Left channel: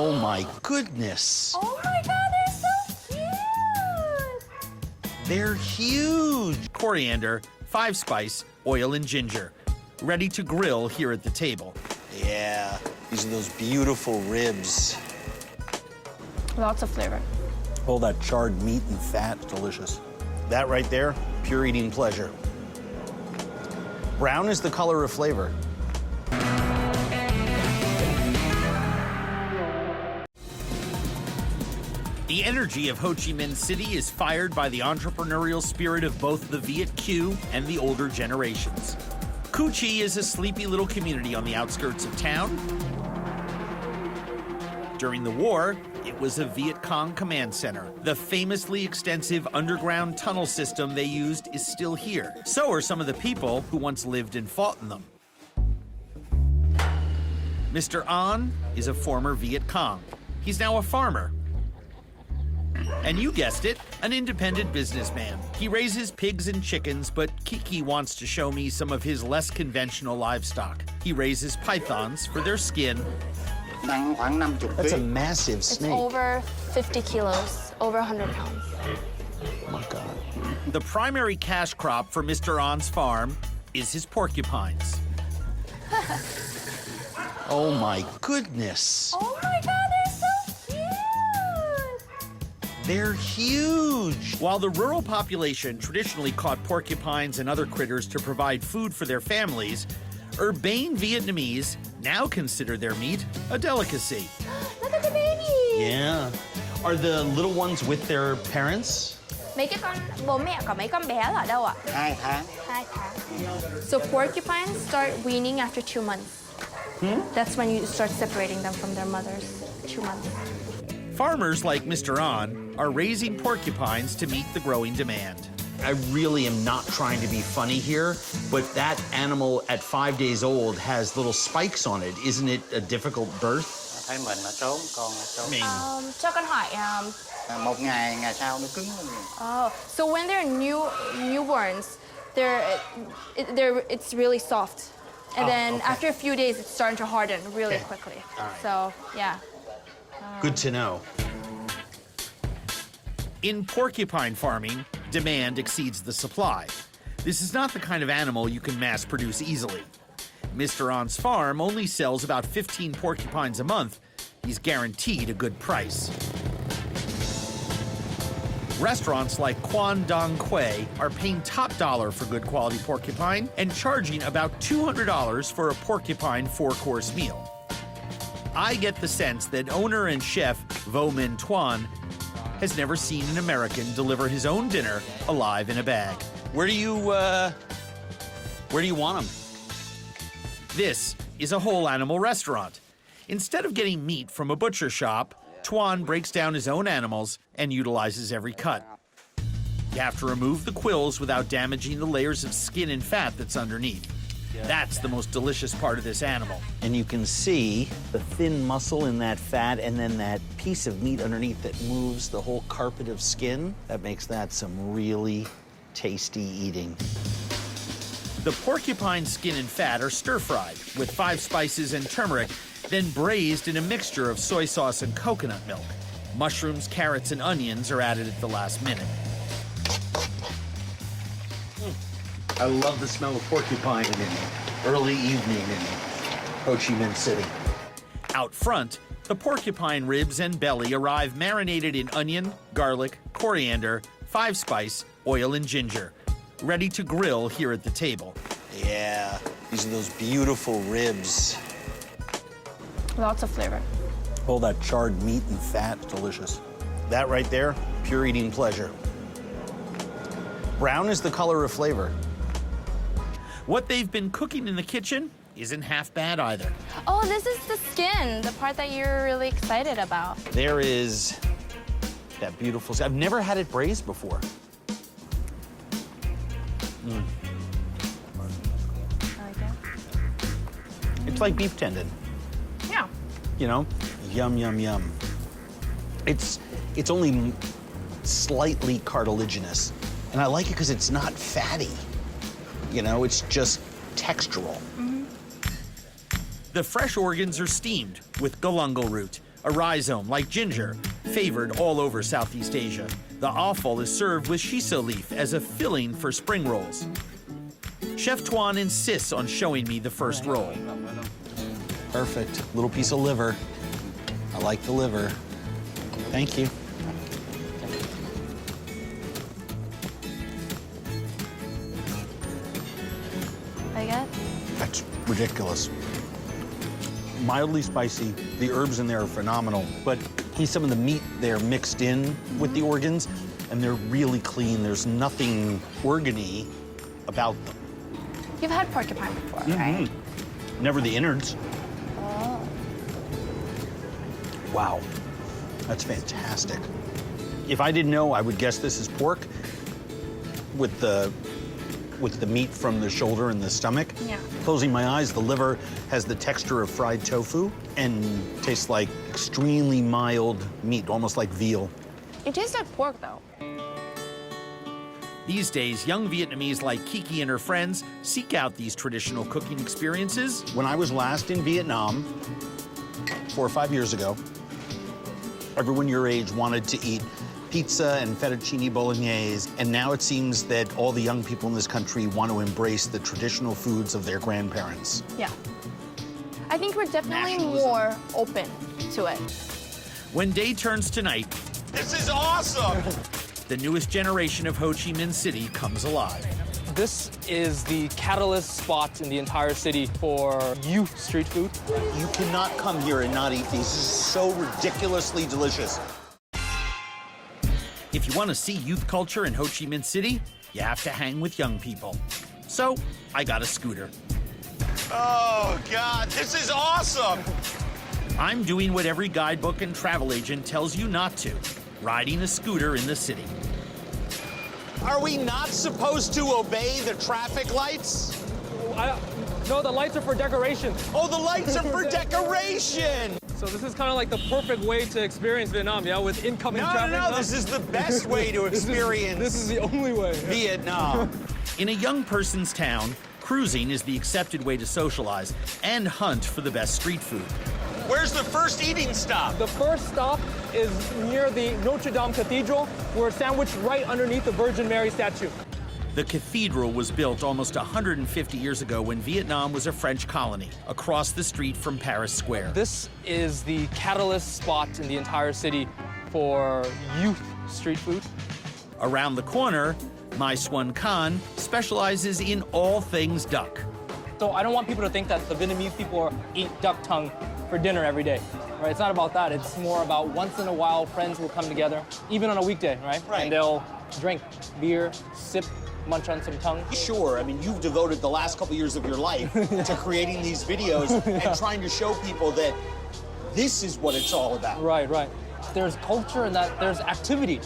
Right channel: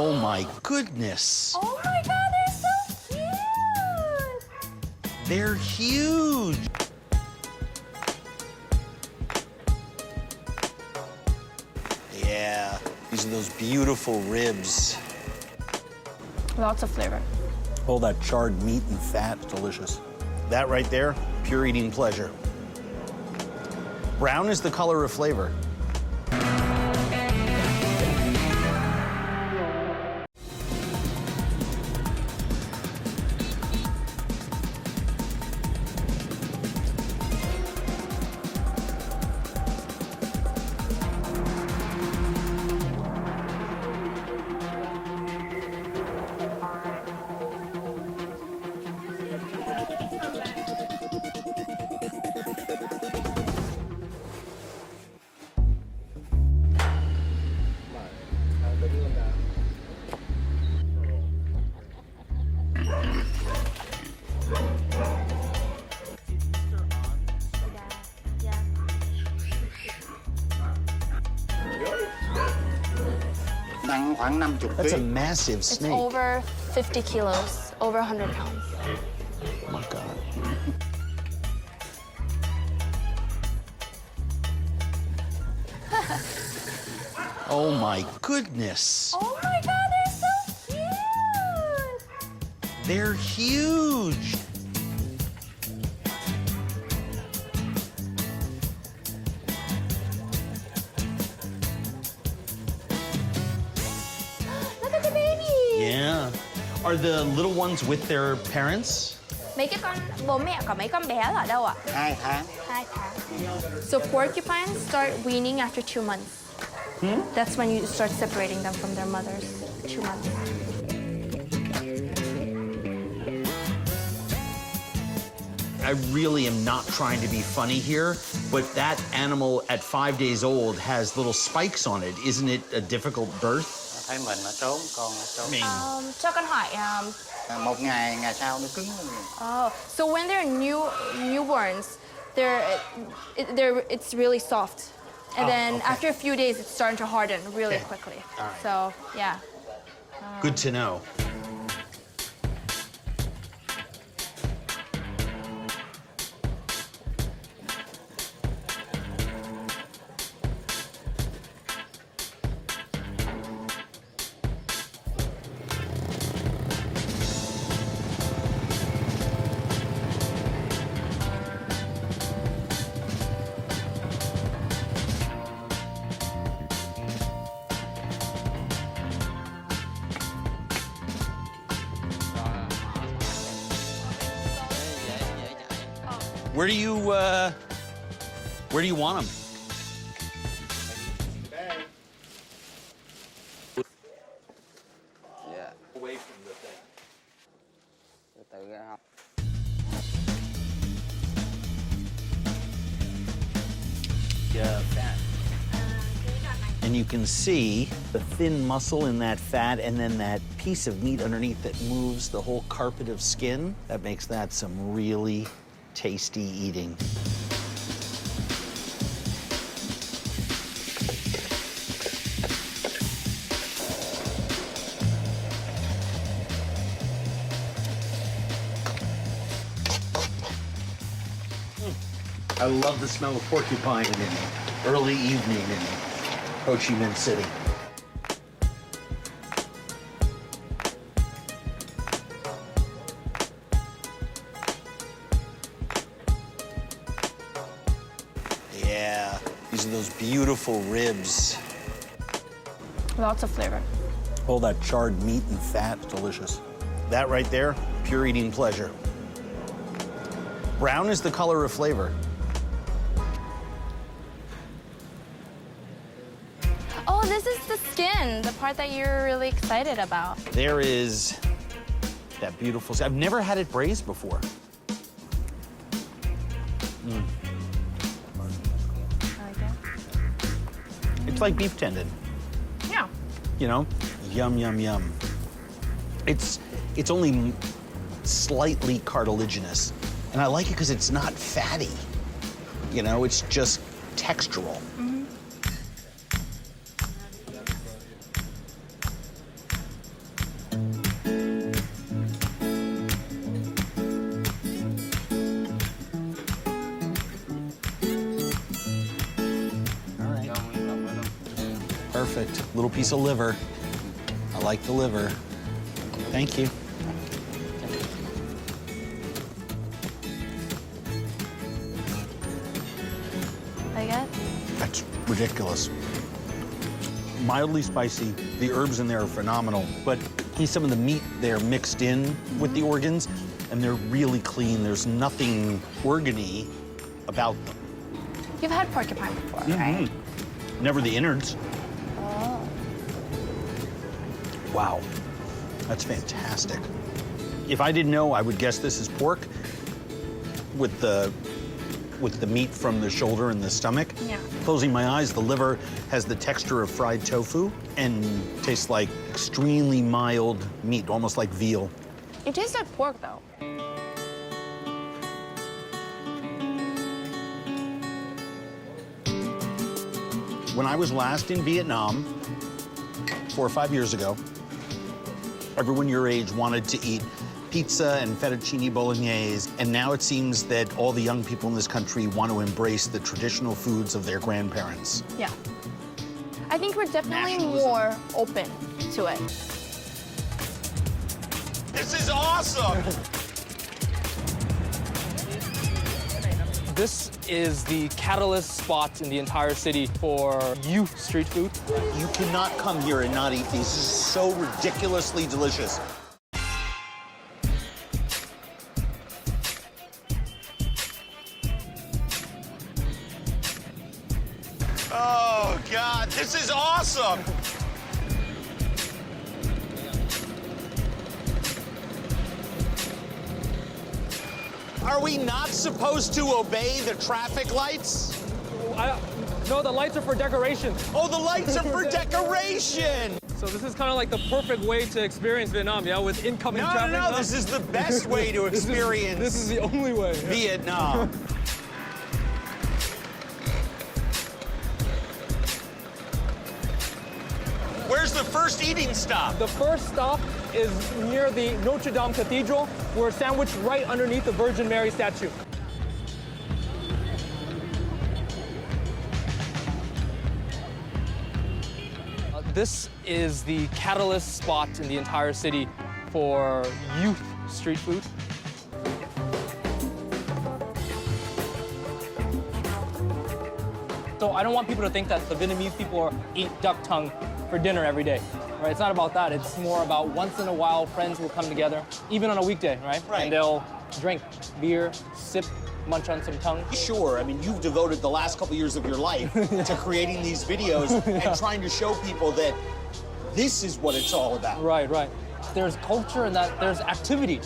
Oh my goodness. Oh my god, they're so cute! They're huge. Coriander, 5-spice, oil, and ginger. Ready to grill here at the table. Yeah, these are those beautiful ribs. Lots of flavor. All that charred meat and fat, delicious. That right there, pure eating pleasure. Brown is the color of flavor. The energy of Ho Chi Minh City is fired by the entrepreneurial spirit of both the Viet Kieu and the older generations. Cu Chi is a sleepy little community on the outskirts of town. During the war, it was a Viet Cong command center. The famously extensive underground tunnel system they used is still here. So are some of the people who once lived and fought in them. Mr. An is a former Viet Cong. He's now a farmer. And you guessed it, an independent businessman. He raises pigs and chickens, but Kiki wants to show me some of his less conventional livestock. He raises pythons for their skin. That's a massive It's snake. over 50 kilos, over 100 pounds. Oh my God. The primary cash crop for Mr. An's farm is his porcupines. Oh my goodness. Oh my god, they're so cute! They're huge. While the rural population traditionally caught porcupines and other critters to provide food for their families, urbane Vietnamese now consider their meat a delicacy. Look at the baby! Yeah. Are the little ones with their parents? Mấy cái con bố mẹ của mấy con bé là ở đâu ạ? 2 tháng. 2 tháng. So porcupines start weaning after 2 months. That's when you start separating them from their mothers. 2 months. Farmers like Mr. An are raising porcupines to meet the growing demand. I really am not trying to be funny here, but that animal at 5 days old has little spikes on it. Isn't it a difficult birth? Thấy mình nó trốn, con nó trốn. I mean, Cho con hỏi, Một ngày sau nó cứng. oh, so when they're newborns, it's really soft, and then okay. after a few days, it's starting to harden really Okay. quickly. All right. So yeah. good to know. In porcupine farming, demand exceeds the supply. This is not the kind of animal you can mass produce easily. Mr. An's farm only sells about 15 porcupines a month. He's guaranteed a good price. Restaurants like Quan Dong Quay are paying top dollar for good quality porcupine and charging about $200 for a porcupine 4-course meal. I get the sense that owner and chef Vo Min Tuan has never seen an American deliver his own dinner alive in a bag. Where do you want them? This is a whole animal restaurant. Instead of getting meat from a butcher shop, Tuan breaks down his own animals and utilizes every cut. You have to remove the quills without damaging the layers of skin and fat that's underneath. That's the most delicious part of this animal. And you can see the thin muscle in that fat and then that piece of meat underneath that moves the whole carpet of skin. That makes that some really tasty eating. The porcupine skin and fat are stir-fried with 5 spices and turmeric, then braised in a mixture of soy sauce and coconut milk. Mushrooms, carrots, and onions are added at the last minute. I love the smell of porcupine in an early evening in Ho Chi Minh City. Out front, the porcupine ribs and belly arrive marinated in onion, garlic, coriander, 5-spice, oil, and ginger. Ready to grill here at the table. Yeah, these are those beautiful ribs. Lots of flavor. All that charred meat and fat, delicious. That right there, pure eating pleasure. Brown is the color of flavor. What they've been cooking in the kitchen isn't half bad either. Oh, this is the skin, the part that you're really excited about. There is that beautiful, I've never had it braised before. It's like beef tendon. Yeah. You know, yum, yum, yum. It's only slightly cartilaginous. And I like it because it's not fatty. You know, it's just textural. The fresh organs are steamed with galangal root, a rhizome like ginger, favored all over Southeast Asia. The offal is served with shiso leaf as a filling for spring rolls. Chef Tuan insists on showing me the first roll. Perfect. Little piece of liver. I like the liver. Thank you. Like it? That's ridiculous. Mildly spicy. The herbs in there are phenomenal, but some of the meat there mixed in with the organs, and they're really clean. There's nothing organy about them. You've had porcupine before, right? Never the innards. Oh. Wow, that's fantastic. If I didn't know, I would guess this is pork with the meat from the shoulder and the stomach. Yeah. Closing my eyes, the liver has the texture of fried tofu and tastes like extremely mild meat, almost like veal. It tastes like pork, though. These days, young Vietnamese like Kiki and her friends seek out these traditional cooking experiences. When I was last in Vietnam 4 or 5 years ago, everyone your age wanted to eat pizza and fettuccine bolognese, and now it seems that all the young people in this country want to embrace the traditional foods of their grandparents. Yeah. I think we're definitely more open to it. When day turns to night, This is awesome! the newest generation of Ho Chi Minh City comes alive. This is the catalyst spot in the entire city for youth street food. You cannot come here and not eat these. This is so ridiculously delicious. If you want to see youth culture in Ho Chi Minh City, you have to hang with young people. So I got a scooter. Oh, God, this is awesome! I'm doing what every guidebook and travel agent tells you not to, riding a scooter in the city. Are we not supposed to obey the traffic lights? No, the lights are for decoration. Oh, the lights are for decoration! So this is kind of like the perfect way to experience Vietnam, you know, with incoming traffic. No, this is the best way to experience This is the only way. Vietnam. In a young person's town, cruising is the accepted way to socialize and hunt for the best street food. Where's the first eating stop? The first stop is near the Notre Dame Cathedral. We're sandwiched right underneath the Virgin Mary statue. The cathedral was built almost 150 years ago when Vietnam was a French colony, across the street from Paris Square. This is the catalyst spot in the entire city for youth street food. Around the corner, My Swan Khan specializes in all things duck. So I don't want people to think that the Vietnamese people eat duck tongue for dinner every day, right? It's not about that. It's more about once in a while, friends will come together, even on a weekday, right? Right. And they'll drink beer, sip, munch on some tongue. Sure, I mean, you've devoted the last couple years of your life to creating these videos and trying to show people that this is what it's all about. Right, right. There's culture and that there's activity.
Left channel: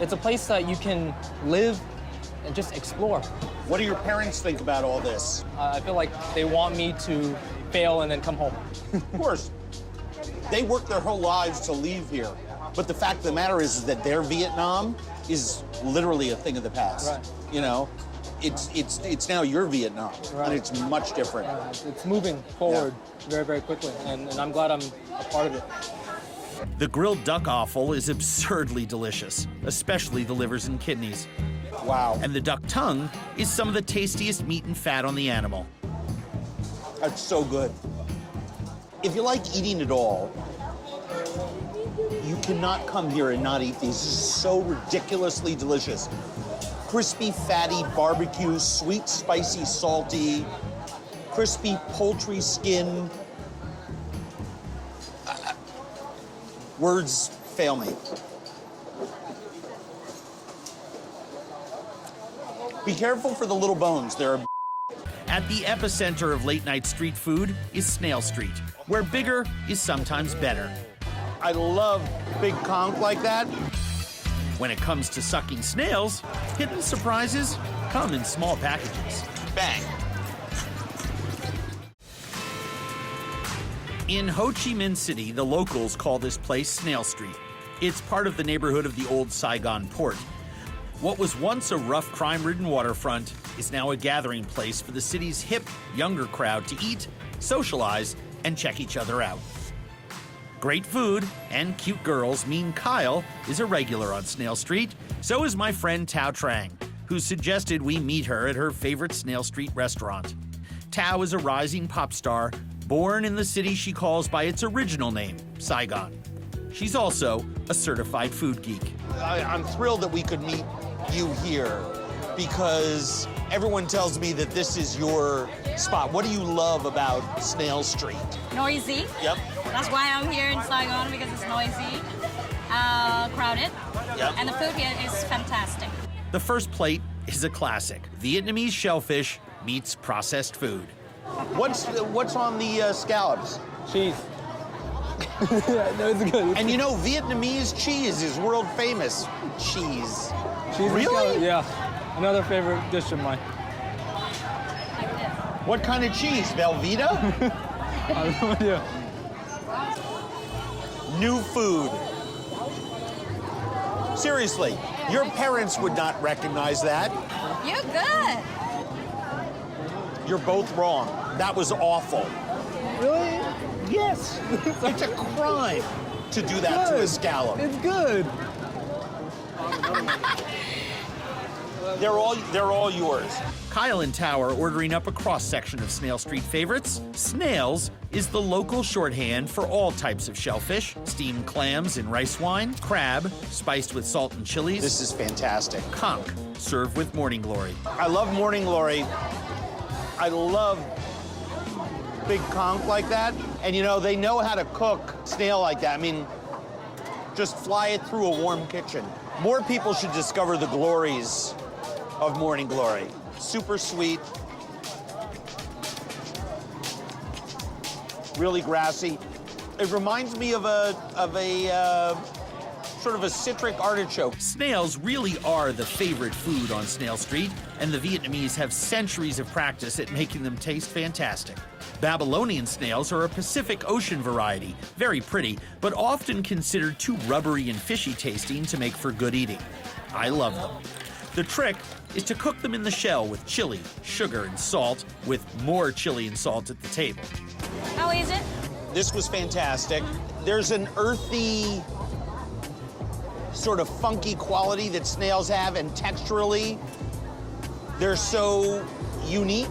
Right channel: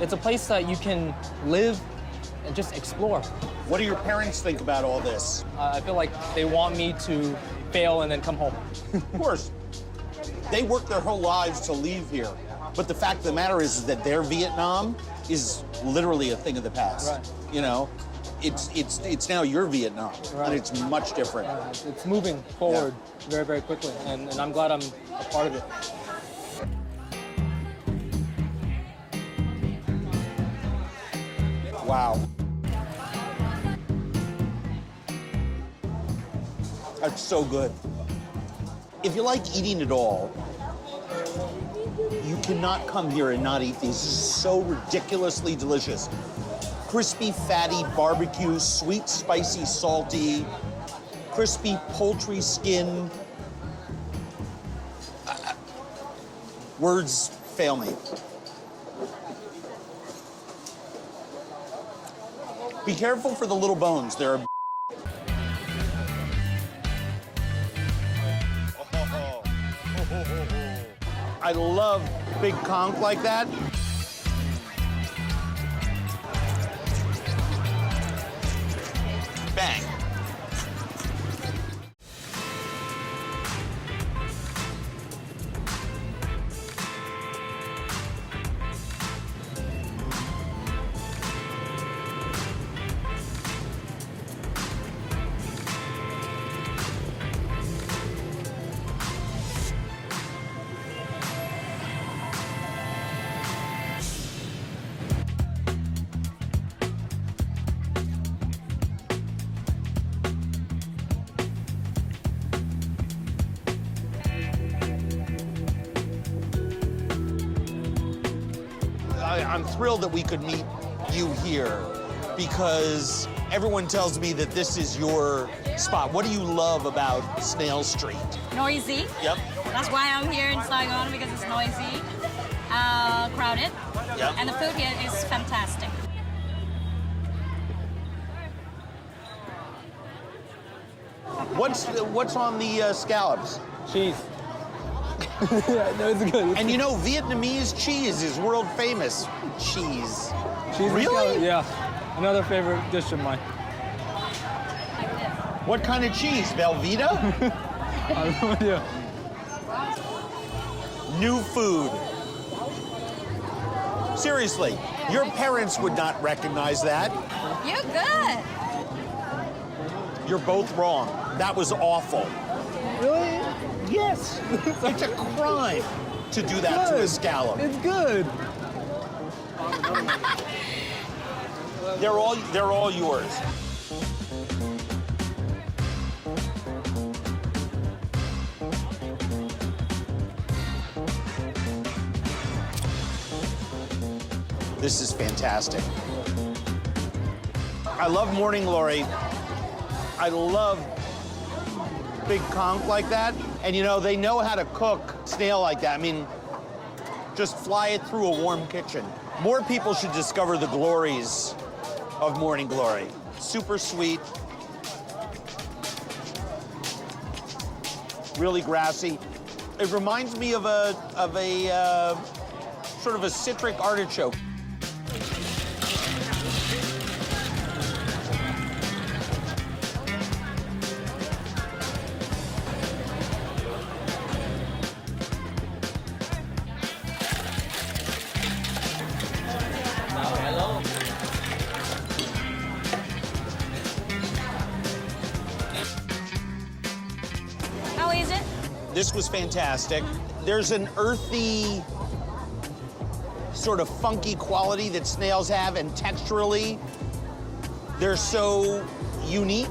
It's a place that you can live and just explore. What do your parents think about all this? I feel like they want me to fail and then come home. Of course, they worked their whole lives to leave here. But the fact of the matter is that their Vietnam is literally a thing of the past. Right. You know, it's now your Vietnam, Right. and it's much different. It's moving forward very, very quickly, and I'm glad I'm a part of it. The grilled duck offal is absurdly delicious, especially the livers and kidneys. Wow, And the duck tongue is some of the tastiest meat and fat on the animal. that's so good. If you like eating it all, you cannot come here and not eat these. This is so ridiculously delicious. Crispy, fatty barbecue, sweet, spicy, salty, crispy poultry skin. Words fail me. Be careful for the little bones. They're At the epicenter of late-night street food is Snail Street, where bigger is sometimes better. I love big conch like that. When it comes to sucking snails, hidden surprises come in small packages. Bang. In Ho Chi Minh City, the locals call this place Snail Street. It's part of the neighborhood of the old Saigon port. What was once a rough, crime-ridden waterfront is now a gathering place for the city's hip, younger crowd to eat, socialize, and check each other out. Great food and cute girls mean Kyle is a regular on Snail Street. So is my friend Tao Trang, who suggested we meet her at her favorite Snail Street restaurant. Tao is a rising pop star, born in the city she calls by its original name, Saigon. She's also a certified food geek. I'm thrilled that we could meet you here because everyone tells me that this is your spot. What do you love about Snail Street? Noisy. Yep. That's why I'm here in Saigon, because it's noisy, crowded, Yep. and the food here is fantastic. The first plate is a classic. Vietnamese shellfish meets processed food. What's on the scallops? Cheese. That's good. And you know, Vietnamese cheese is world famous cheese. Cheese Really? Yeah. Another favorite dish of mine. What kind of cheese? Velveeta? I have no idea. New food. Seriously, your parents would not recognize that. You're good. You're both wrong. That was awful. Really? Yes. It's a crime to do that to a scallop. It's good. They're all yours. Kyle and Tao are ordering up a cross-section of Snail Street favorites. Snails is the local shorthand for all types of shellfish, steamed clams and rice wine, crab, spiced with salt and chilies, This is fantastic. conch, served with morning glory. I love morning glory. I love big conch like that. And you know, they know how to cook snail like that. I mean, just fly it through a warm kitchen. More people should discover the glories of morning glory. Super sweet. Really grassy. It reminds me of a sort of a citric artichoke. Snails really are the favorite food on Snail Street, and the Vietnamese have centuries of practice at making them taste fantastic. Babylonian snails are a Pacific Ocean variety, very pretty, but often considered too rubbery and fishy tasting to make for good eating. I love them. The trick is to cook them in the shell with chili, sugar, and salt, with more chili and salt at the table. How is it? This was fantastic. There's an earthy, sort of funky quality that snails have, and texturally, they're so unique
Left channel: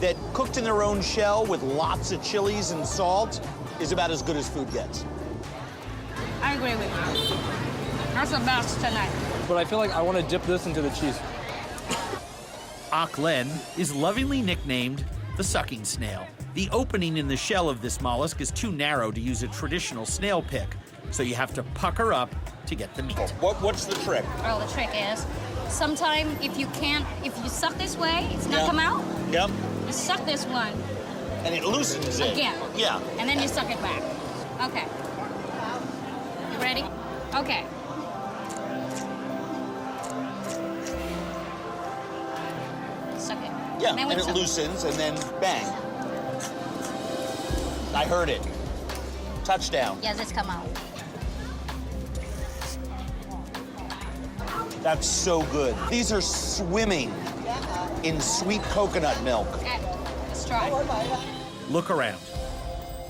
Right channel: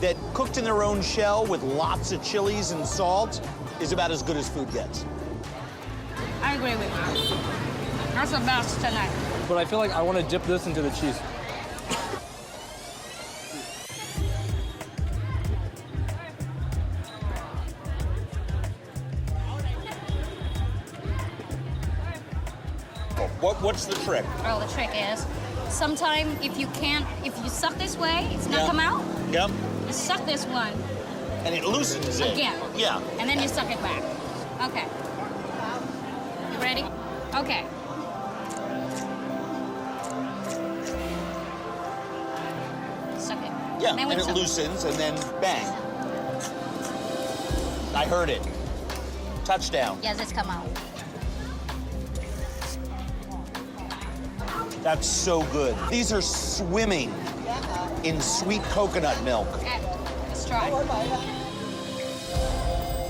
that cooked in their own shell with lots of chilies and salt is about as good as food gets. I agree with you. That's the best tonight. But I feel like I want to dip this into the cheese. Ak Len is lovingly nicknamed the sucking snail. The opening in the shell of this mollusk is too narrow to use a traditional snail pick, so you have to pucker up to get the meat. What's the trick? Well, the trick is, sometimes if you suck this way, it's not come out. Yep. You suck this one And it loosens it. again. Yeah. And then you suck it back. Okay. You ready? Okay. Suck it. Yeah, Then and we it suck loosens, and then bang. I heard it. Touchdown. Yes, it's come out. That's so good. These are swimming in sweet coconut milk. Okay, let's try. Look around.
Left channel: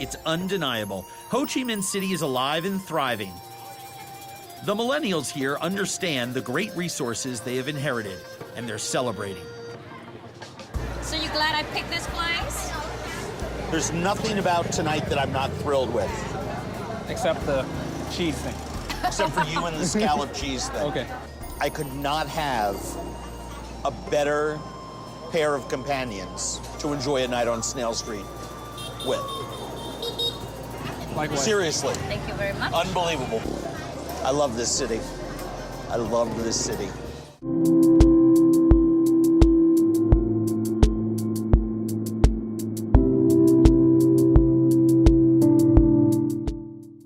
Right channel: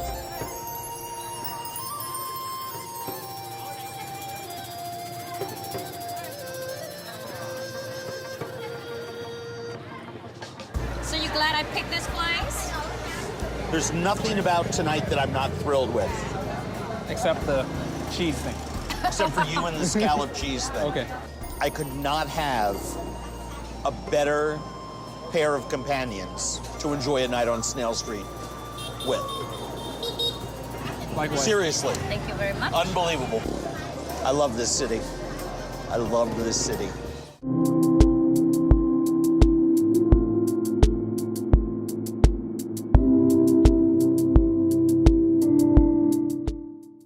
It's undeniable. Ho Chi Minh City is alive and thriving. The millennials here understand the great resources they have inherited, and they're celebrating. So you glad I picked this place? There's nothing about tonight that I'm not thrilled with, Except the cheese thing. except for you and the scallop cheese thing. Okay. I could not have a better pair of companions to enjoy a night on Snail Street with. Likewise. Seriously, Thank you very much. unbelievable. I love this city. I love this city.